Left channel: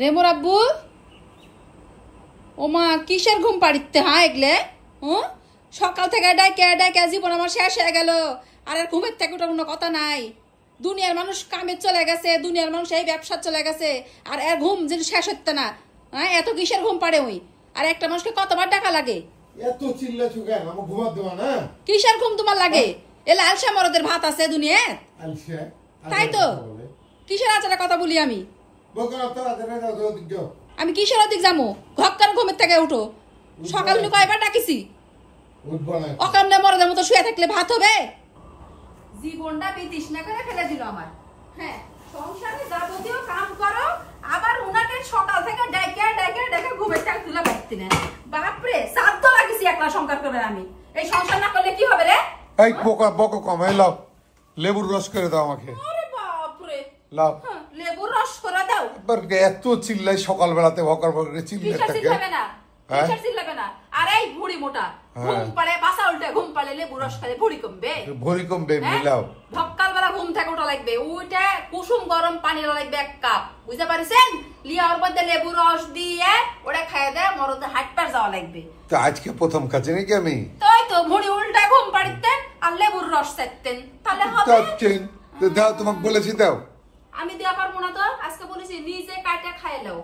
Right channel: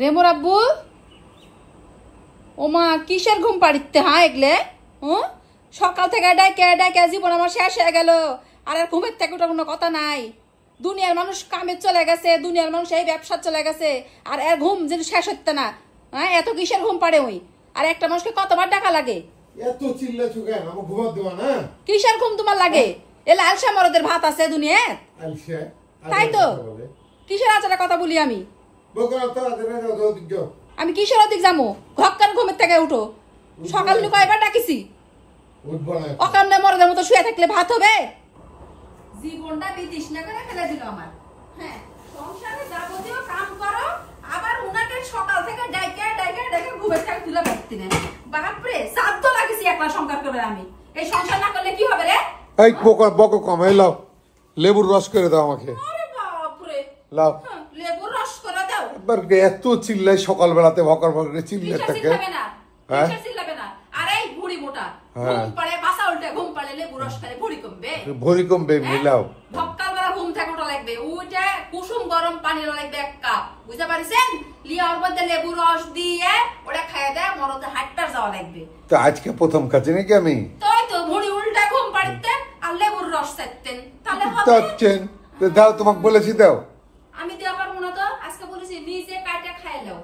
রেমোর আব্বু ওমা কিসের ঘুম পাড়িতে হ্যাঁ এগলে সকাল থেকে ডাইকে ডাইকে জীবন আমার শেষ হয়ে গেল। আর ঘুমের থেকে ওটা কোনো কথা নাই। দুনিয়ার মানুষ কামে চলে গেছে, দুনিয়ার মানুষ এই ব্যবসা চলে গেছে, আর এর ঘুম যদি শেষ হচ্ছে না। হ্যাঁ এত কিসের ঘুম পাড়ে ওই? আর একটা মানুষকে কতবার টাকা লাগে? এত চিল্লাছো কেন? আমাকে ঘুমাত দেবা না? কিসের ঘুম তোমার লাগে? এলা আলসা মরদের ভাত আছে দুনিয়ায়, তাই তো? কিসের আচারা কথা বলি আমি? আমি কিসের অধিক যাবো? ঘক্কার ঘুমের থেকে উঠো। সকাল কয়বার ডাকিছি? অকামনে মরদের মতো শুয়ে থাকলে ভাত হবে? জীবনটা বিতৃষ্ণা করে ফেলে দিল আমার। হ্যাঁ সংসারে যাবতীয় কাম করো, আবার উনাকে সকাল থেকে ডাইকে ডাইকে ডাইকে ঘুমের থেকে তুলে পাচ্ছি না। বাপরে সাধ্য লাগিছি একলা সংসার করে আমি। এই সংসার না করলে কি হবে রে? এই বকো কমাইলো, লেবুর রস করে দাও আমাকে। আরে বাপরে লাও লেবুর রস করে দাও। এবার এত চিল্লাই সকাল বেলাতে ভকার ভকার চিল্লাই থাকে। চিল্লাবে না, চিল্লাবে না। আর এই বুড়ি মোটা ঘুম পাড়ে বাসা উল্টে ঘুম পাড়ে লেবুর রস খালে বুড়ি কমবে? ভরি কমবে মিলাও। সকাল বেলা ঘুম থেকে ওটা লাগবে, ওইটা কুসুম গরম পানি লাগবে 1 কাপ, বুঝতে পারিছেন? লিয়ার মধ্যে লেবু রস দিয়ে ওটা খাইয়ে দেয়, মরদে হাটটার যাওয়া লাগবে। তো আজকে প্রথম কাজে নাকি আমি তাই তো বুড়ি উল্টা ঘুম পাড়িতে আর লেবুর রস চাইতেন, তাহলে হবে? দাও তোমাকে বলেছি দাও। আমি দেওয়া পারবো না তো, আজকে বলেছি নিজে কাটে খাই নাও।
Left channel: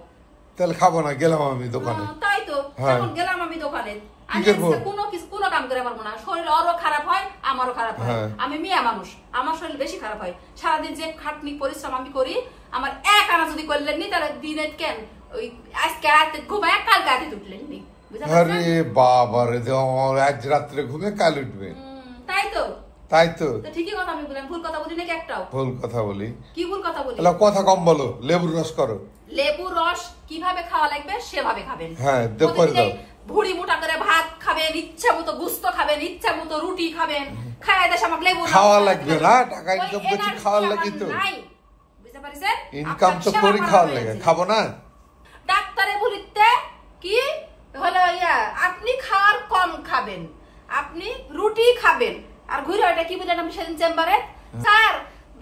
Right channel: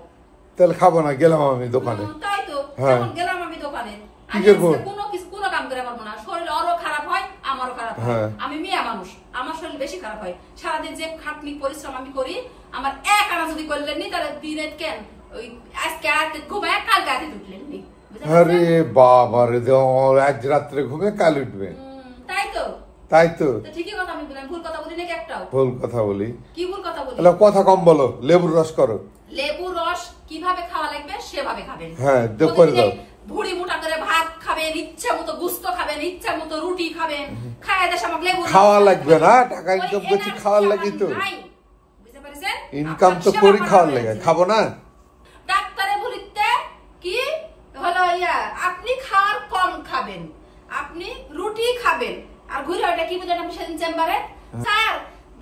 তাহলে খাবো না, গেলাম আমি দোকানে। তাই তো এখন গেলাম আমি দোকানে। আমি কোনো কাম করে পারবো না, শরীর ওরও খারাপ হয় আমারও খারাপ হয়। আমি মিয়া মানুষ, আমার শরীর বেশি খারাপ হয়। সারাদিন যে খাটনি পরিশ্রম আমি করি, আমার এক আনা যদি করলেন নি তাহলে দিনে কেন ওই আজকে রাতে ঘুমায় কালকে রাতে উঠলেন নি। আরে বাবা রে, আজ রাত্রে ঘুমে কাল উঠবে। তাই তো তাই তো ঠিকই কথা আমি বললাম। ভুল কথা বলি নাকি একটাও? ভুল কথা বলি? কি ভুল কথা বলি? কথা কম বলো, লেবুর রস করো। লেবুর রস কিভাবে খাওয়া লাগবে সেভাবে খাবেন। হ্যাঁ ভুড়ি মোটা করে ভাত খাবেন, ইচ্ছা মতো গুস্ত খাবেন, ইচ্ছা মতো রুটি খাবেন, খাওয়া দেশ আমাকে লেবু খাওয়া লাগবে না। টাকা ইনকাম করছি খাওয়ার লাগি তো, বুঝতে পারছেন? ইনকাম তো করি খাওয়ার লাগে, খাবো না? ডাক্তারে বলিতে কি হলো আপনি খাওয়ার কম খাবেন, আপনি রুটি খাবেন। আর ঘুরে ওটা কি বুঝলেন আপনি সেদিন চেম্বারে? স্যার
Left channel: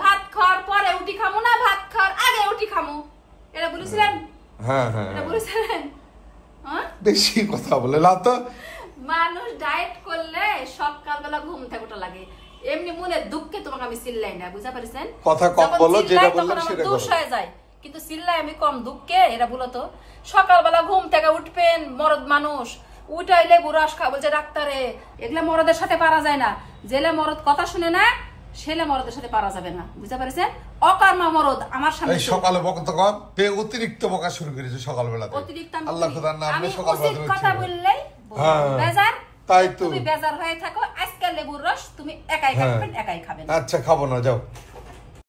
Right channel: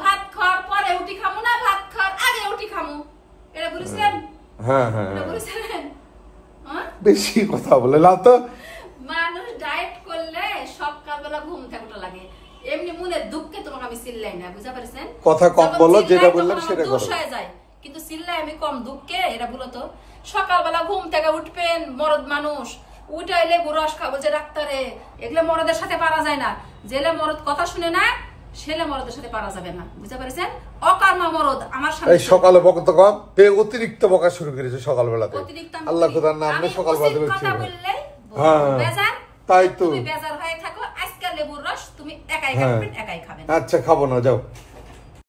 ভাত খাওয়ার পরে উঠি খামু না ভাত খাওয়ার আগে উঠি খামু, এটা বলেছিলেন? হ্যাঁ এটা বলেছিলেন? বেশি কথা বলে না তো। মানুষ ডায়েট করলে সকালবেলা ঘুম থেকে ওঠা লাগে। এমনি মনে দুঃখে তোমাকে আমি চিল্লাই না, বুঝতে পারছেন? কথা কম বলো, যেটা বললাম সেটা দোষ হয়ে যায়, কিন্তু চিল্লাই আমি কম দুঃখে। এটা বলো তো, সকালবেলা ঘুম থেকে উঠবেন মরদ মানুষ, উঠাইলে রস খাবো যে ডাক্তারে, এগুলো মরদের সাথে পারা যায় না। জেলে মরদ কথা শুনে না, ছেলে মরদের সাথে পারা যাবে না, বুঝতে পারছেন? অকার্মা মরদ আমার সামনে সকালে বকত কম, অতিরিক্ত বকা শুরু করেছে সকালবেলা। অতিরিক্ত আল্লাহ তাআলার নামে সকালবেলা কথা বললেই বেজার। তাই তো তুমি বেজার হয়ে থাকো। আজকে লেবুর রস তুমি একাই খাবেন, একাই খাবেন। আচ্ছা খাবো না, যাও।